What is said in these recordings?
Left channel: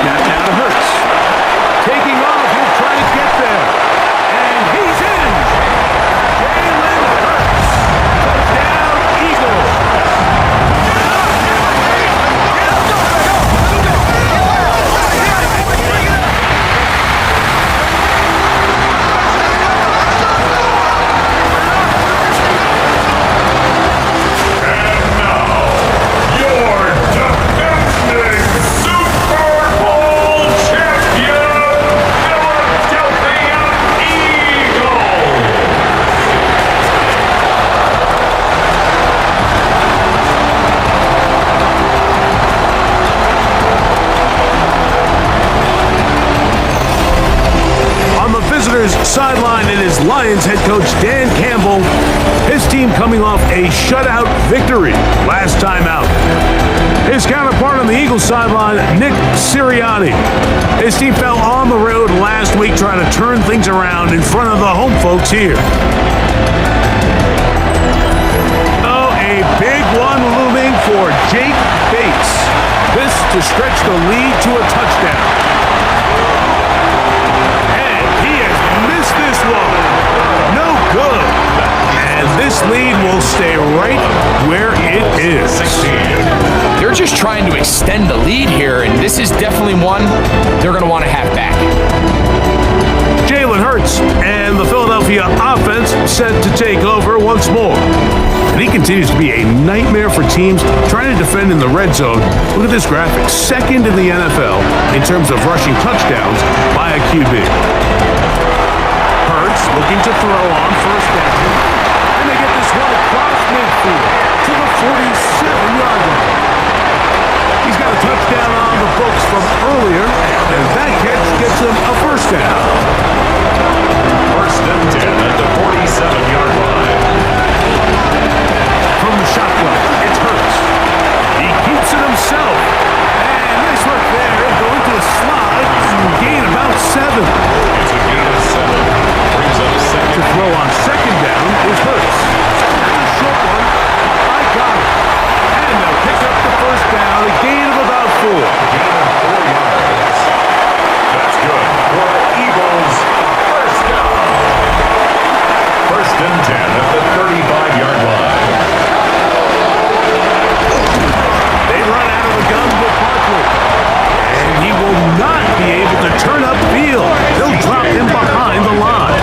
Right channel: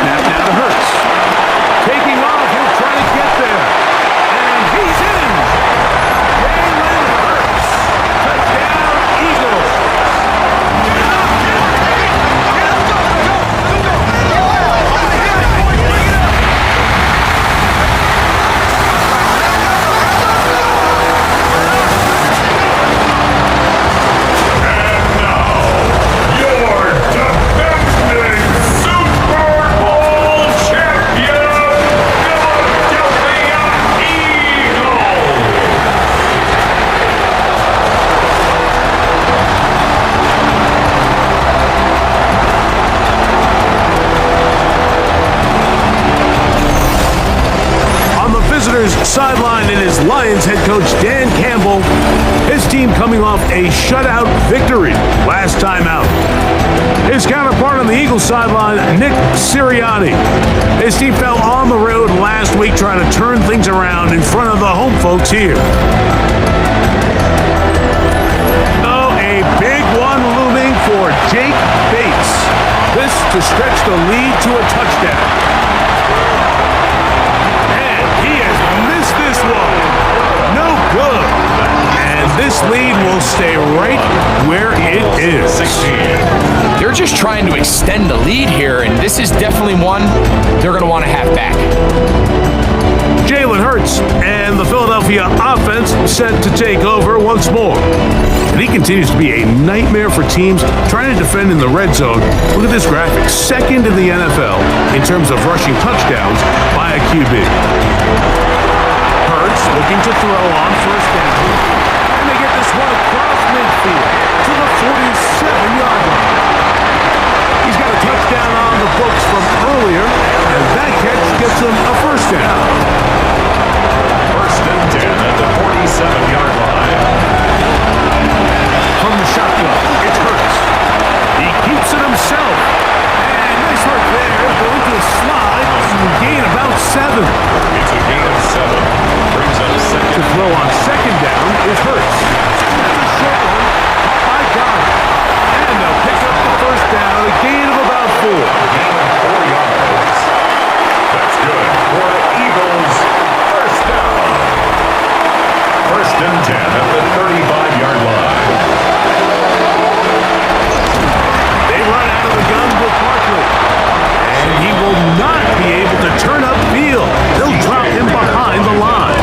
snap now to Hurts. Taking off, he'll try to get there. And he's in! Jalen Hurts. Touchdown, Eagles. Visitors sideline and his Lions head coach Dan Campbell. His team coming off a shutout victory last time out. His counterpart on the Eagles sideline, Nick Sirianni. His team fell on the road last week trying to turn things around in front of the home folks here. Oh, a big one looming for Jake Bates. This to stretch the lead to a touchdown. This one, no good. And this lead will stay right where it is. They're just trying to extend the lead here, and this is definitely one they're going to want to have back. Jalen Hurts and the Philadelphia offense set to take over once more. And he continues to be a nightmare for teams trying to defend in the red zone. Look at this graphic. Second in the NFL in terms of rushing touchdowns by a QB. Hurts looking to throw on first down. And they get this one across midfield to the 47-yard line. He's got a touchdown on the books from earlier, and that catch gets him a first down. First and 10 at the 47-yard line. From the shotgun, it's Hurts. He keeps it himself. And nice work there, going to a slide, gain about 7. It's a gain of 7. Brings up second. To throw on second down is Hurts. That's a short one. I got it. And they'll pick up the first down, a gain of about 4. Gain of 4 yards. That's good for the Eagles. First down. First and 10 at the 35-yard line. They run out of the gun with Barkley. And he will not be able to turn upfield. They'll drop him behind the line.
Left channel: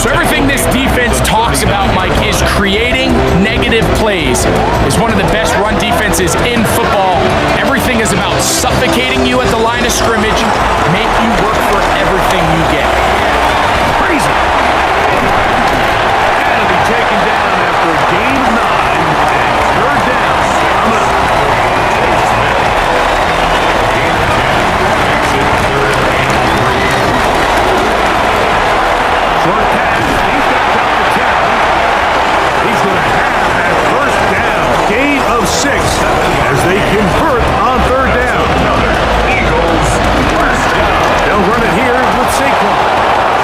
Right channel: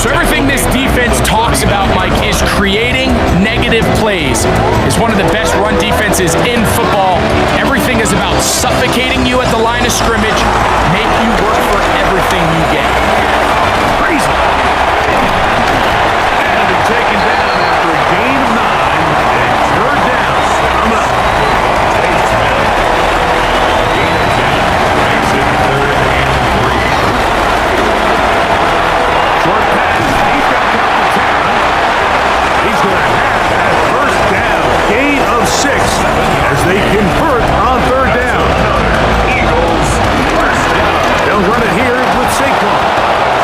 So everything this defense talks about, Mike, is creating negative plays. It's one of the best run defenses in football. Everything is about suffocating you at the line of scrimmage, make you work for everything you get. Crazy. And he'll be taken down after a gain of 9 and third down. Coming up. A gain of 10 makes it third and 3. Short pass. He's got Calcaterra. He's going to have that first down. Gain of 6 as they convert on third down. Eagles first down. They'll run it here with Saquon.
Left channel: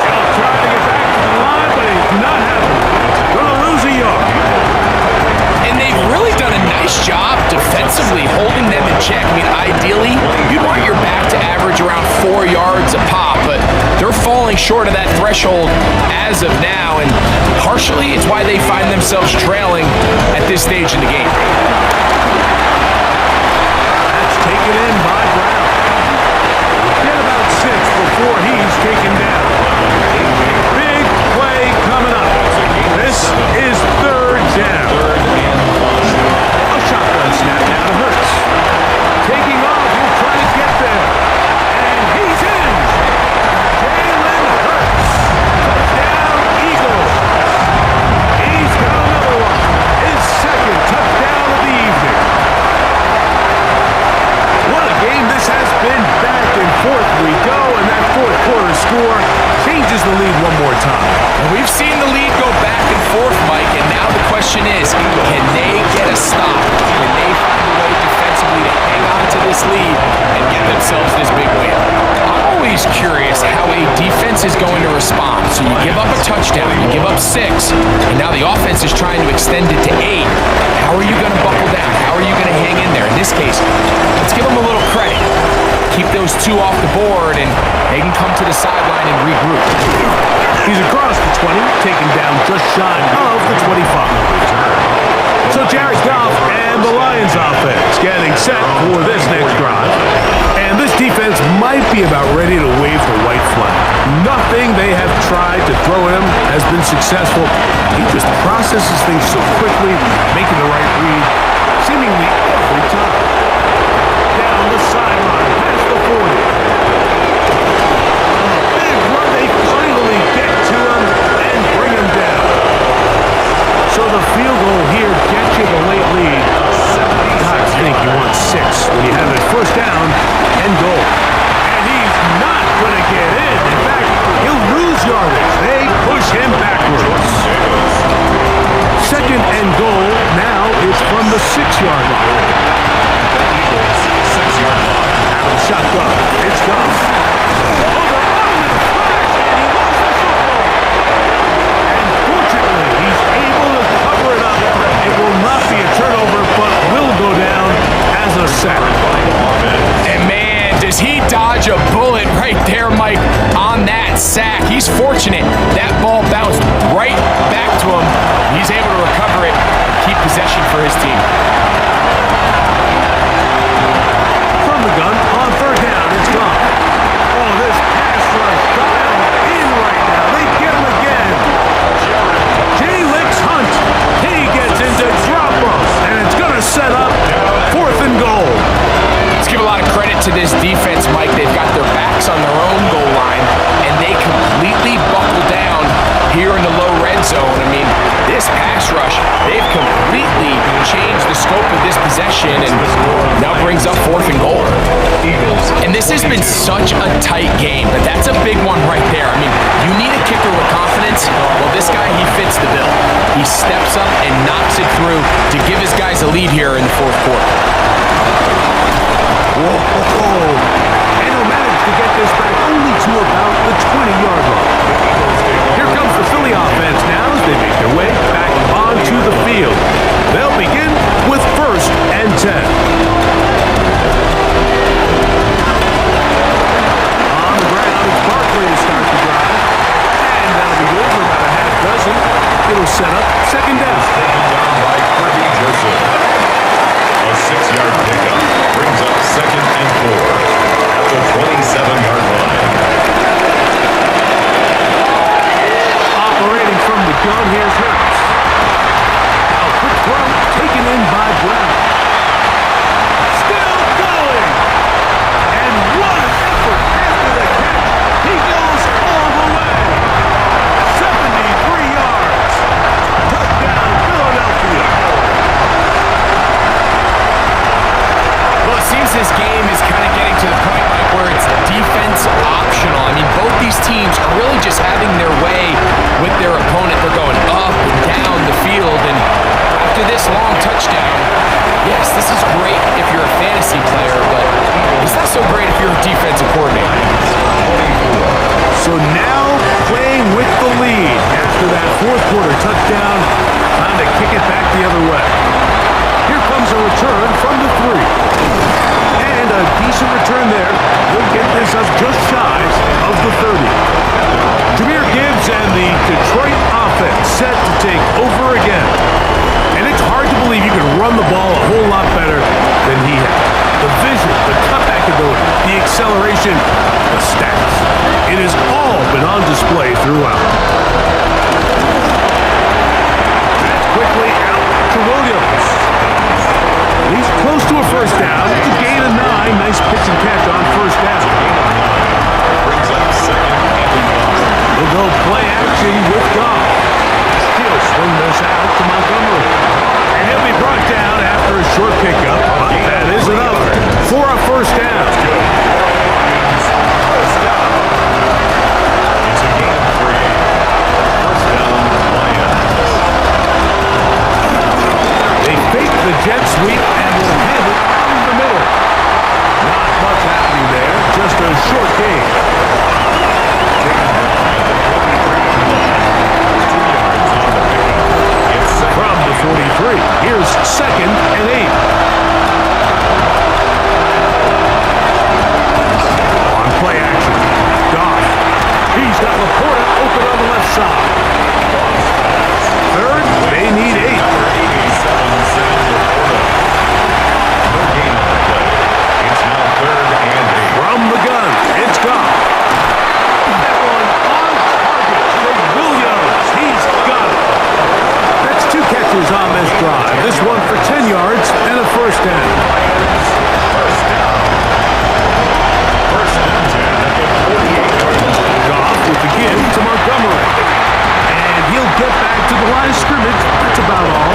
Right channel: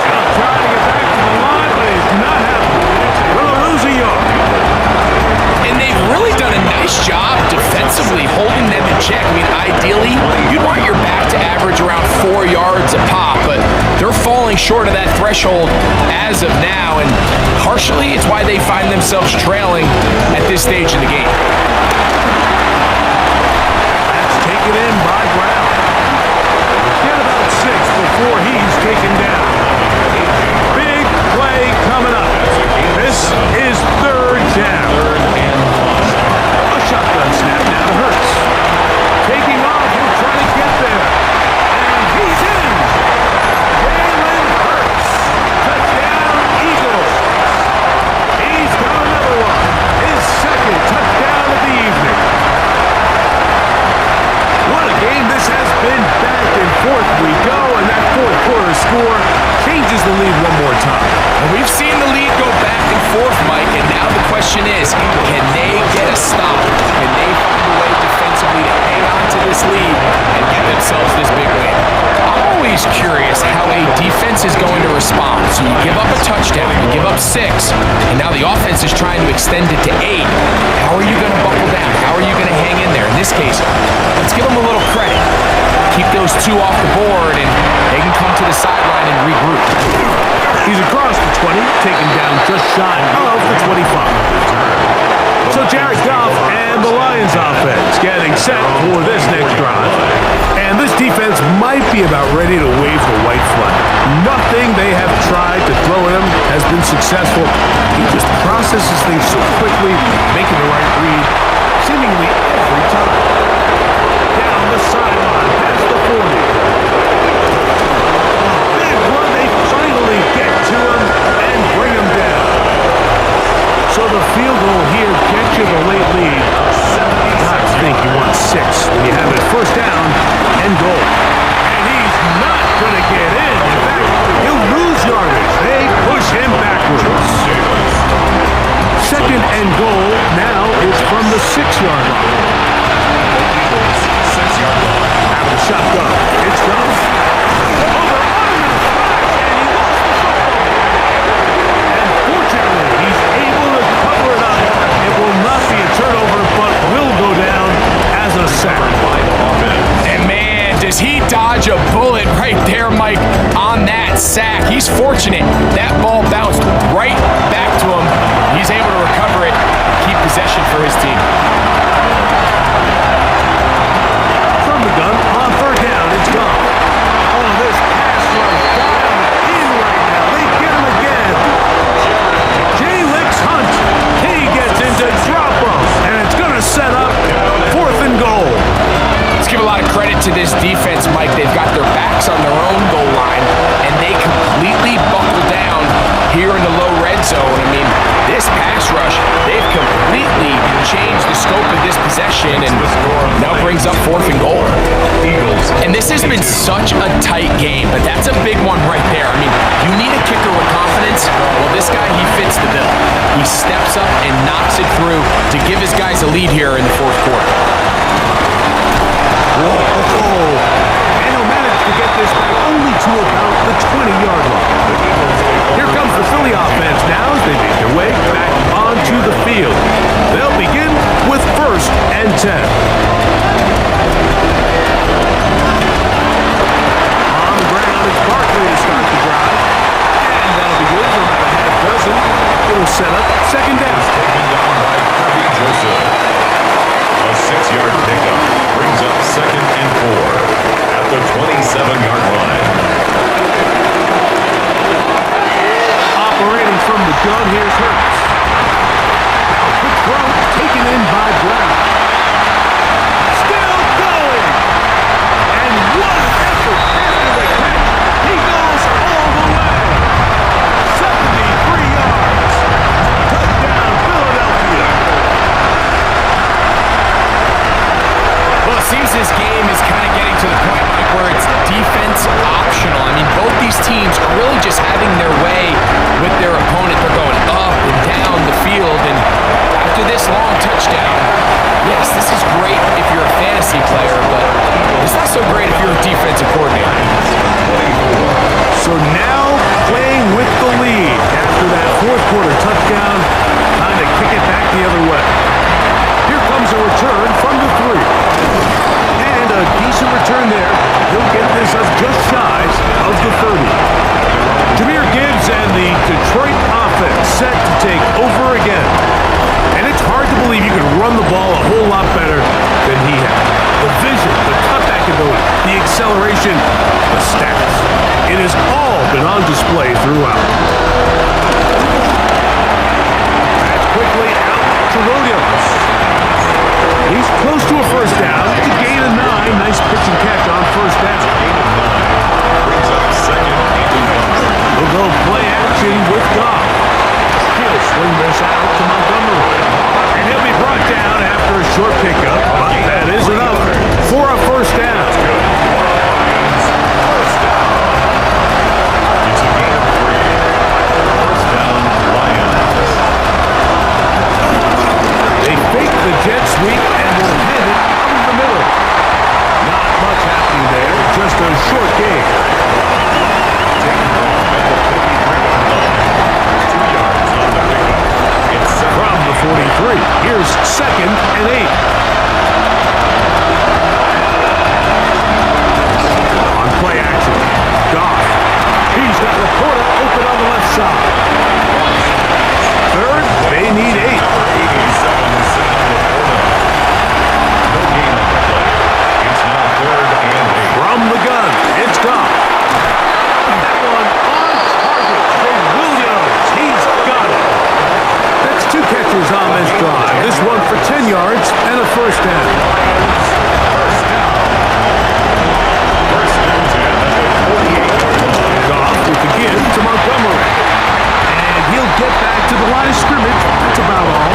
He'll try to get back to the line, but it's not happening. Going to lose a yard. And they've really done a nice job defensively holding them in check. I mean, ideally, you'd want your back to average around 4 yards a pop, but they're falling short of that threshold as of now, and partially it's why they find themselves trailing at this stage in the game. That's taken in by Brown. Get about 6 before he's taken down. Big play coming up. This is third down. Third and 5. A shotgun snap now to Hurts. Taking off, he'll try to get there. And he's in. Jalen Hurts. Touchdown, Eagles. He's got another one. His second touchdown of the evening. What a game this has been. Back and forth we go, and that fourth quarter score changes the lead one more time. And we've seen the lead go back and forth, Mike, and now the question is, can they get a stop? Can they find a way defensively to hang on to this lead and get themselves this big win? I'm always curious how a defense is going to respond. So you give up a touchdown, you give up 6, and now the offense is trying to extend it to 8. How are you going to buckle down? How are you going to hang in there? In this case, let's give them a little credit. keep those two off the board, and they can come to the sideline and regroup. He's across the 20, taken down just shy of the 25. So Jared Goff and the Lions offense getting set for this next drive. And this defense might be about ready to wave the white flag. Nothing they have tried to throw at him has been successful. He just processes things so quickly, making the right read seemingly every time. Down the sideline, past the 40. A big run, they finally get to him and bring him down. So the field goal here gets you the late lead. God, I think you want 6 when you have it first down and goal. And he's not going to get in. In fact, he'll lose yardage. They push him backwards. Second and goal. Now it's from the 6-yard line. The Eagles, 6-yard line. Out of the shotgun. It's Goff. Over on him in a flash, and he lost the football. And fortunately, he's able to cover it up. It will not be a turnover, but will go down as a sack. By the offense. And man, does he dodge a bullet right there, Mike, on that sack. He's fortunate. That ball bounced right back to him. He's able to recover it and keep possession for his team. From the gun, on third down, it's gone. Oh, this pass rush dialed in right now. They get him again. Jay Licks Hunt. He gets into drop-off, and it's going to set up 4th and goal. Let's give a lot of credit to this defense, Mike. They've got their backs on their own goal line, and they completely buckle down here in the low red zone. I mean, this pass rush, they've completely changed the scope of this possession, and now brings up 4th and goal. And this has been such a tight game, but that's a big one right there. I mean, you need a kicker with confidence. Well, this guy, he fits the bill. He steps up and knocks it through to give his guys a lead here in the 4th quarter. Whoa. And he'll manage to get this back only to about the 20-yard line. Here comes the Philly offense now as they make their way back onto the field. They'll begin with 1st and 10. On the ground, it's Barkley to start the drive. And that'll be good for about a half dozen. It'll set up 2nd down. Taken down by Kirby Joseph. A 6-yard pickup brings up 2nd and 4 at the 27-yard line. Operating from the gun, here's Hurts. Now a quick throw taken in by Brown. Still going. And what an effort after the catch. He goes all the way. 73 yards. Touchdown, Philadelphia. Well, it seems this game is kind of getting to the point, Mike, where it's defense optional. I mean, both these teams are really just having their way with their opponent. They're going up and down the field, and after this long touchdown, yes, this is great if you're a fantasy player, but it's not so great if you're a defensive coordinator. So now playing with the lead after that 4th quarter touchdown, time to kick it back the other way. Here comes a return from the 3. And a decent return there. He'll get this up just shy of the 30. Jahmyr Gibbs and the Detroit offense set to take over again. And it's hard to believe you can run the ball a whole lot better than he has. The vision, the cutback ability, the acceleration, the stats. It has all been on display throughout. That's quickly out to Williams. He's close to a first down. It's a gain of 9. Nice pitch and catch on first down. Gain of 9 brings up 2nd and 5. They'll go play action with Goff. He'll swing this out to Montgomery. And he'll be brought down after a short pickup, but that is enough for a first down. That's good. First down. It's a gain of 3. First down, Lions. They fake the jet sweep and will hand it up the middle. Not much happening there, just a short gain. Taken down at the 43-yard line. 2 yards on the pickup. It's From the 43, here's 2nd and 8. it on the left side. Third, they need 8. Number 87, Sam Laporta. No gain on the play. It's now 3rd and 8. From the gun, it's Goff. That one on target for Williams. He's got it. That's 2 catches on this drive. This one for 10 yards and a first down. Lions, first down. First and 10 at the 48-yard line. Goff with the give to Montgomery. And he'll get back to the line of scrimmage. That's about all.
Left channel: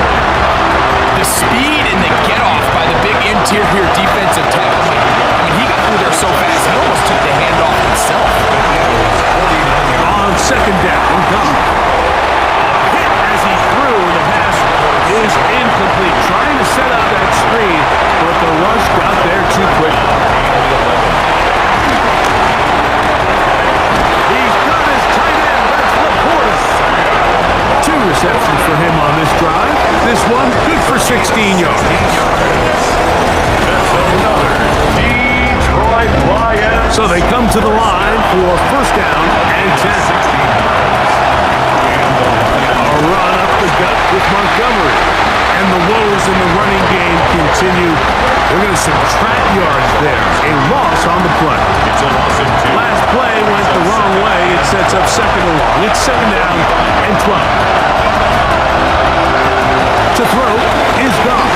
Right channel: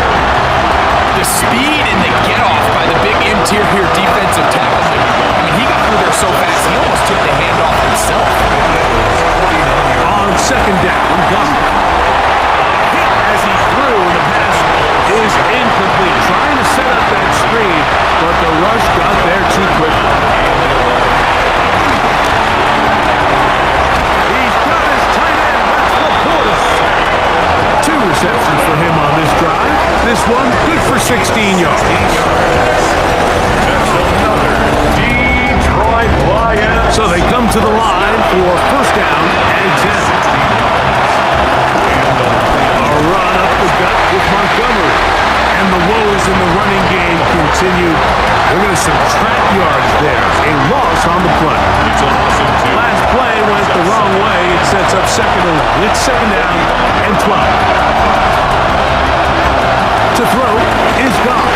The speed and the get-off by the big interior defensive tackle. He got through there so fast, he almost took the handoff himself. On second down, Goff. Hit as he threw, and the pass is incomplete. Trying to set up that screen, but the rush got there too quickly. He's got his tight end. That's Laporta. 2 receptions for him on this drive. This one good for 16 yards. That's another Detroit Lions. So they come to the line for first down and 10. A run up the gut with Montgomery. And the woes in the running game continue. They're going to subtract yards there. A loss on the play. It's a loss of 2. Last play went the wrong way. It sets up second and long. It's second down and 12. To throw is Goff.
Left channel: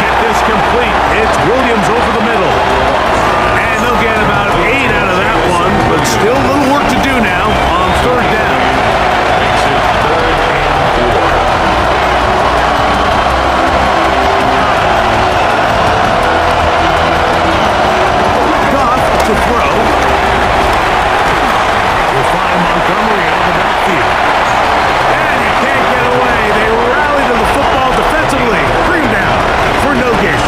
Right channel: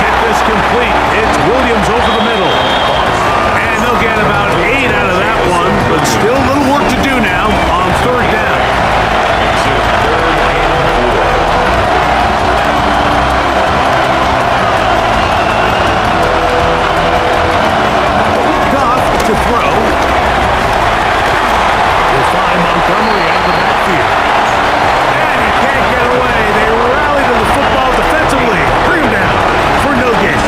Get this complete. It's Williams over the middle. And they'll get about 8 out of that one, but still a little work to do now on third down. Makes it 3rd and 4. Goff to throw. We'll find Montgomery out of the backfield. And he can't get away. They rally to the football defensively. Bring him down for no gain.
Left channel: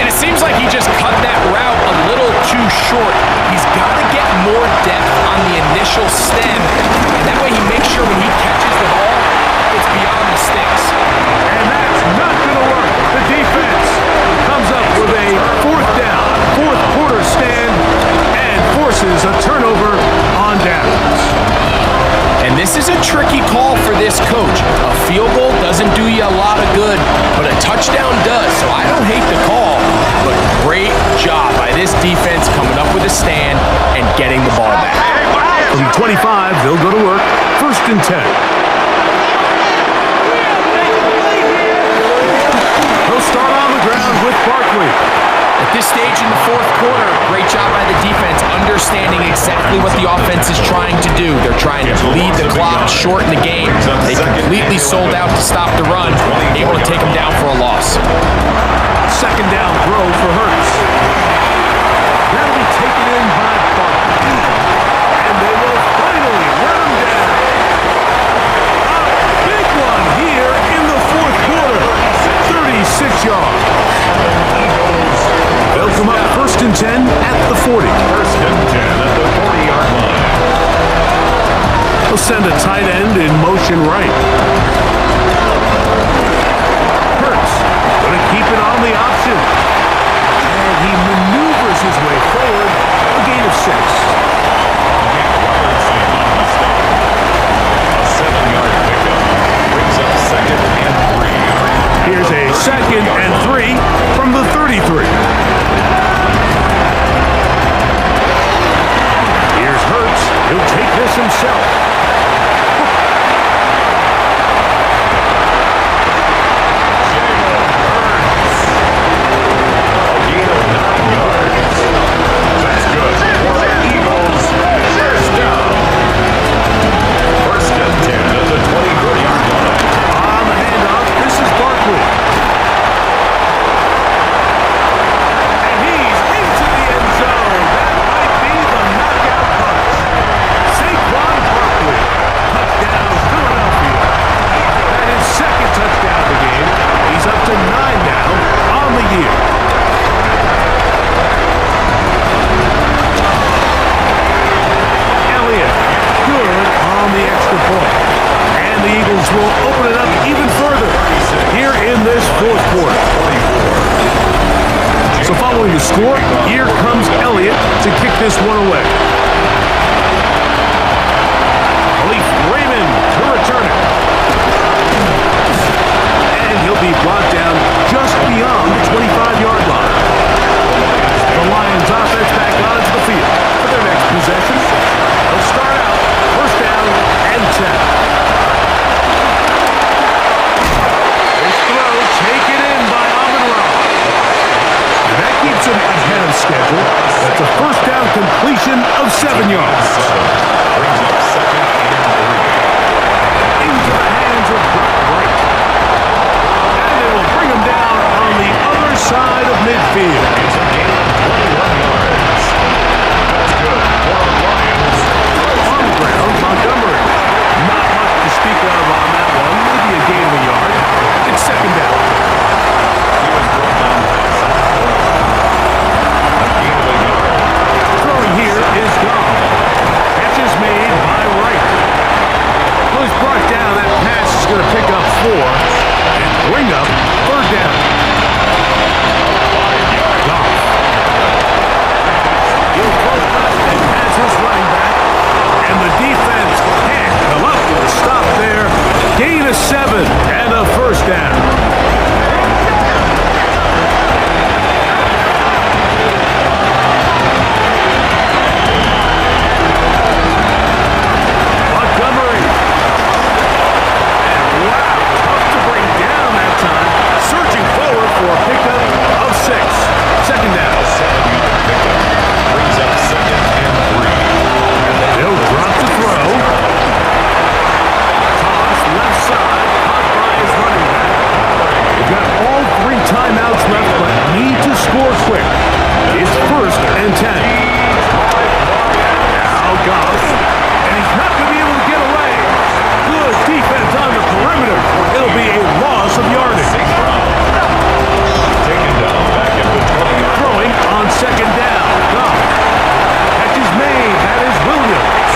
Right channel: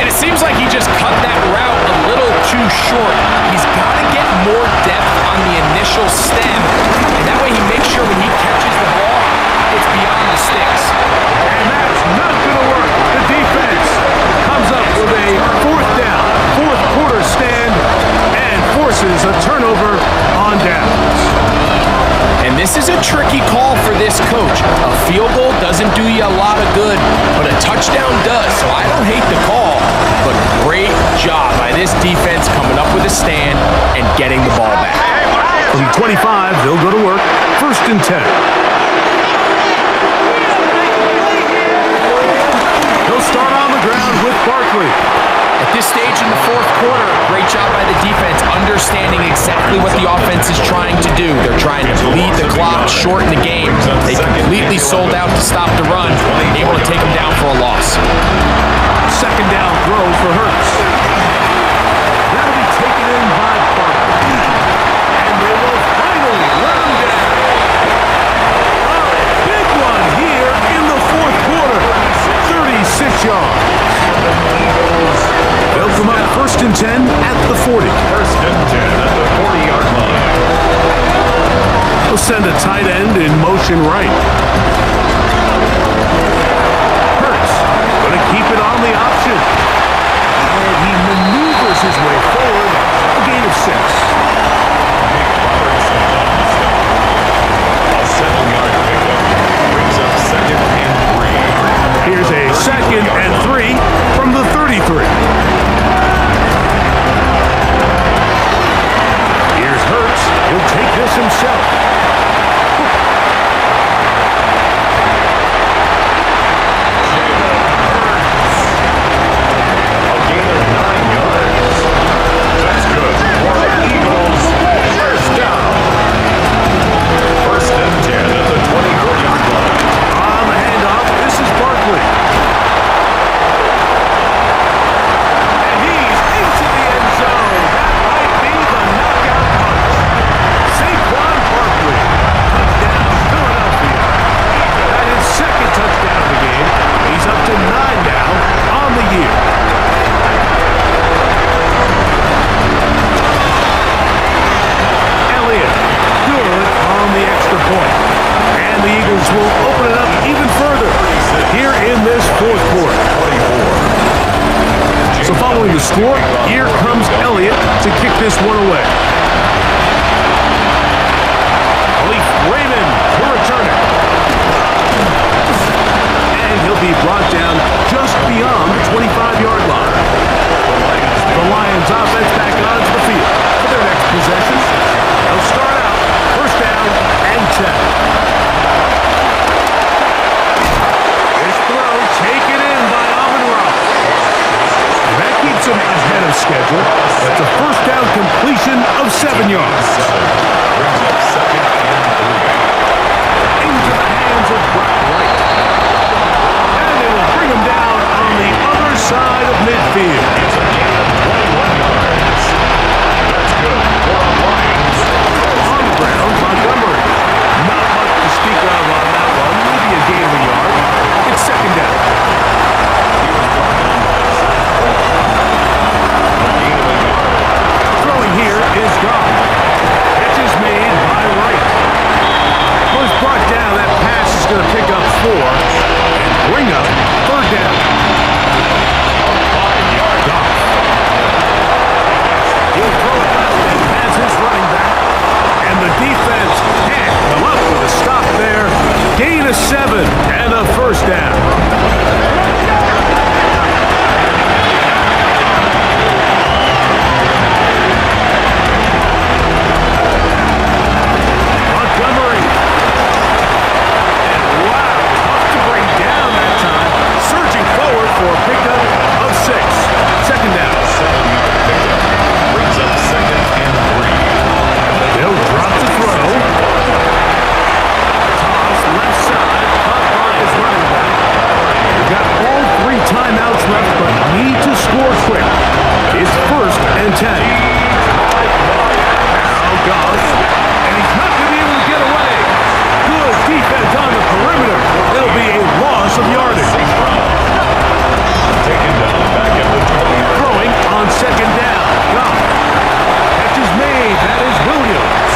And it seems like he just cut that route a little too short. He's got to get more depth on the initial stem, and that way he makes sure when he catches the ball, it's beyond the sticks. And that's not going to work. The defense comes up with a fourth down, fourth quarter stand, and forces a turnover on downs. And this is a tricky call for this coach. A field goal doesn't do you a lot of good, but a touchdown does. So I don't hate the call, but great job by this defense coming up with a stand and getting the ball back. From 25, they'll go to work. First and 10. They'll start on the ground with Barkley. At this stage in the fourth quarter, great job by the defense understanding exactly what the offense is trying to do. They're trying to bleed the clock, shorten the game. They completely sold out to stop the run, able to take them down for a loss. Second down throw for Hurts. That'll be taken in by Barkley. And they will finally run him down. A big one here in the fourth quarter. 36 yards. They'll come up first and 10 at the 40. First and 10 at the 40-yard line. They'll send a tight end in motion right. Hurts going to keep it on the option. And he maneuvers his way forward. A gain of 6. Nick Robertson on the stop. A 7-yard pickup brings up second and 3. Here's a second and 3 from the 33. Here's Hurts. He'll take this himself. Jalen Hurts. A gain of 9 yards. That's good for the Eagles. First down. First and 10 at the 24-yard line. On the handoff, this is Barkley. And he's into the end zone. That might be the knockout punch. Saquon Barkley. Touchdown, Philadelphia. That is second touchdown of the game. He's up to 9 now on the year. Elliott, good on the extra point. And the Eagles will open it up even further here in this fourth quarter. So following the score, here comes Elliott to kick this one away. he'll be brought down just beyond the 25-yard line. The Lions offense back onto the field for their next possession. They'll start out first down and 10. This throw taken in by Amon-Ra. And that keeps him ahead of schedule. That's a first down completion of 7 yards. Brings up second and 3. Into the hands of Brock Wright. And they will bring him down on the other side of midfield. It's a gain of 21 yards. That's good for the Lions. On the ground, Montgomery. Not much to speak of on that one. Maybe a gain of a yard. It's second down. He was brought down by a gain of a yard. Throwing here is gone. Catch is made by Wright. Well, it's brought down. That pass is going to pick up 4 and bring up third down. 5-yard Goff. He'll throw it left and has his running back. And the defense can't come up with a stop there. Gain of 7 and a first down. Montgomery. And wow, tough to bring down that time. Surging forward for a pickup of 6. Second down. A 7-yard pickup brings up second and 3. They'll drop the throw. Toss left side, caught by his running back. They've got all 3 timeouts left, but need to score quick. It's first and 10. Now Goff, and he's not going to be able to get away. Good defense on the perimeter. It'll be a loss of yardage. Taken down back at the 20-yard. Throwing on second down. Goff. Catch is made. That is Williams.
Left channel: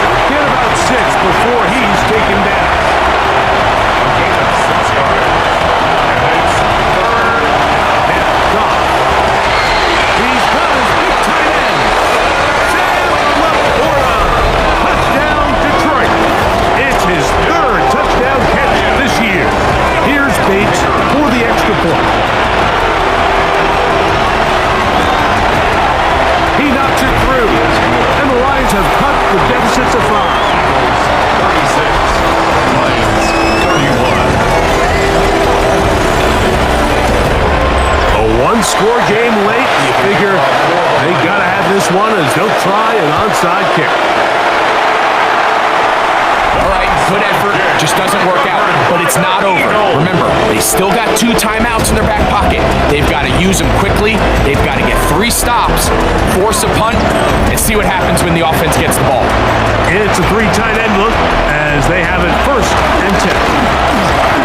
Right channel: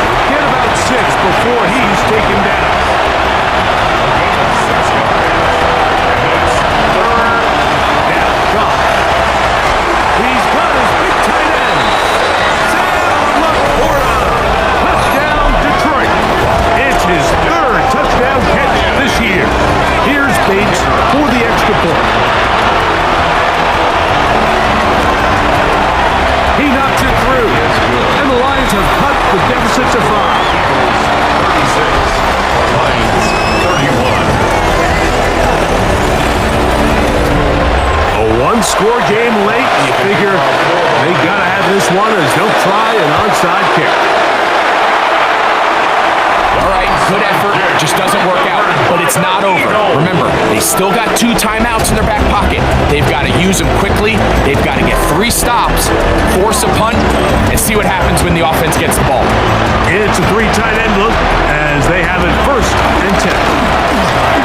He'll get about 6 before he's taken down. A gain of 6 yards. And it's third. Now Goff. He's got his big tight end. Sam Laporta. Touchdown Detroit. It's his 3rd touchdown catch this year. Here's Bates for the extra point. He knocks it through. And the Lions have cut the deficit to 5. Eagles 36. Lions 31. A 1-score game late. You figure they got to have this one as they'll try an onside kick. All right, good effort, just doesn't work out, but it's not over. Remember, they still got 2 timeouts in their back pocket. They've got to use them quickly. They've got to get 3 stops, force a punt, and see what happens when the offense gets the ball. It's a 3 tight end look as they have it first and 10.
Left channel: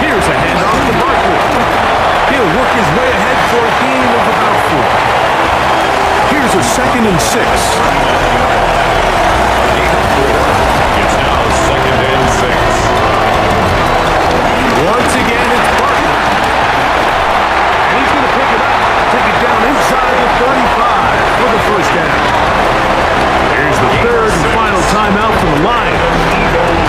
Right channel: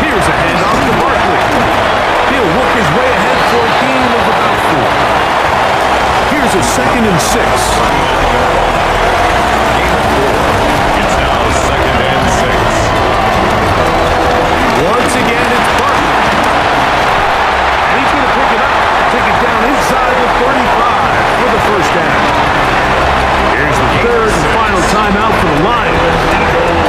Here's a handoff to Barkley. He'll work his way ahead for a gain of about 4. Here's a second and 6. Gain of 4. It's now second and 6. Once again, it's Barkley. And he's going to pick it up, take it down inside the 35 for the first down. Here's the 3rd and final timeout for the Lions.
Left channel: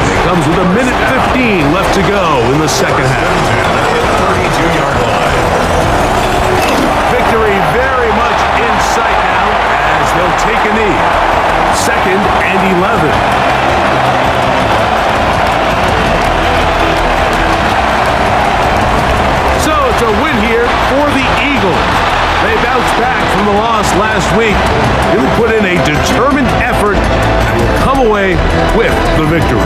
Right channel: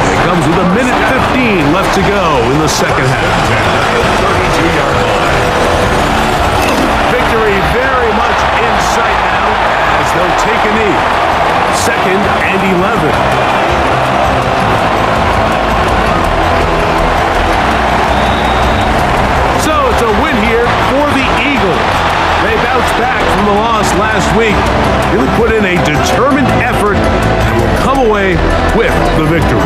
And it comes with 1:15 left to go in the second half. At the 32-yard line. Victory very much in sight now as they'll take a knee. Second and 11. So it's a win here for the Eagles. They bounced back from the loss last week, really put in a determined effort, and will come away with the victory.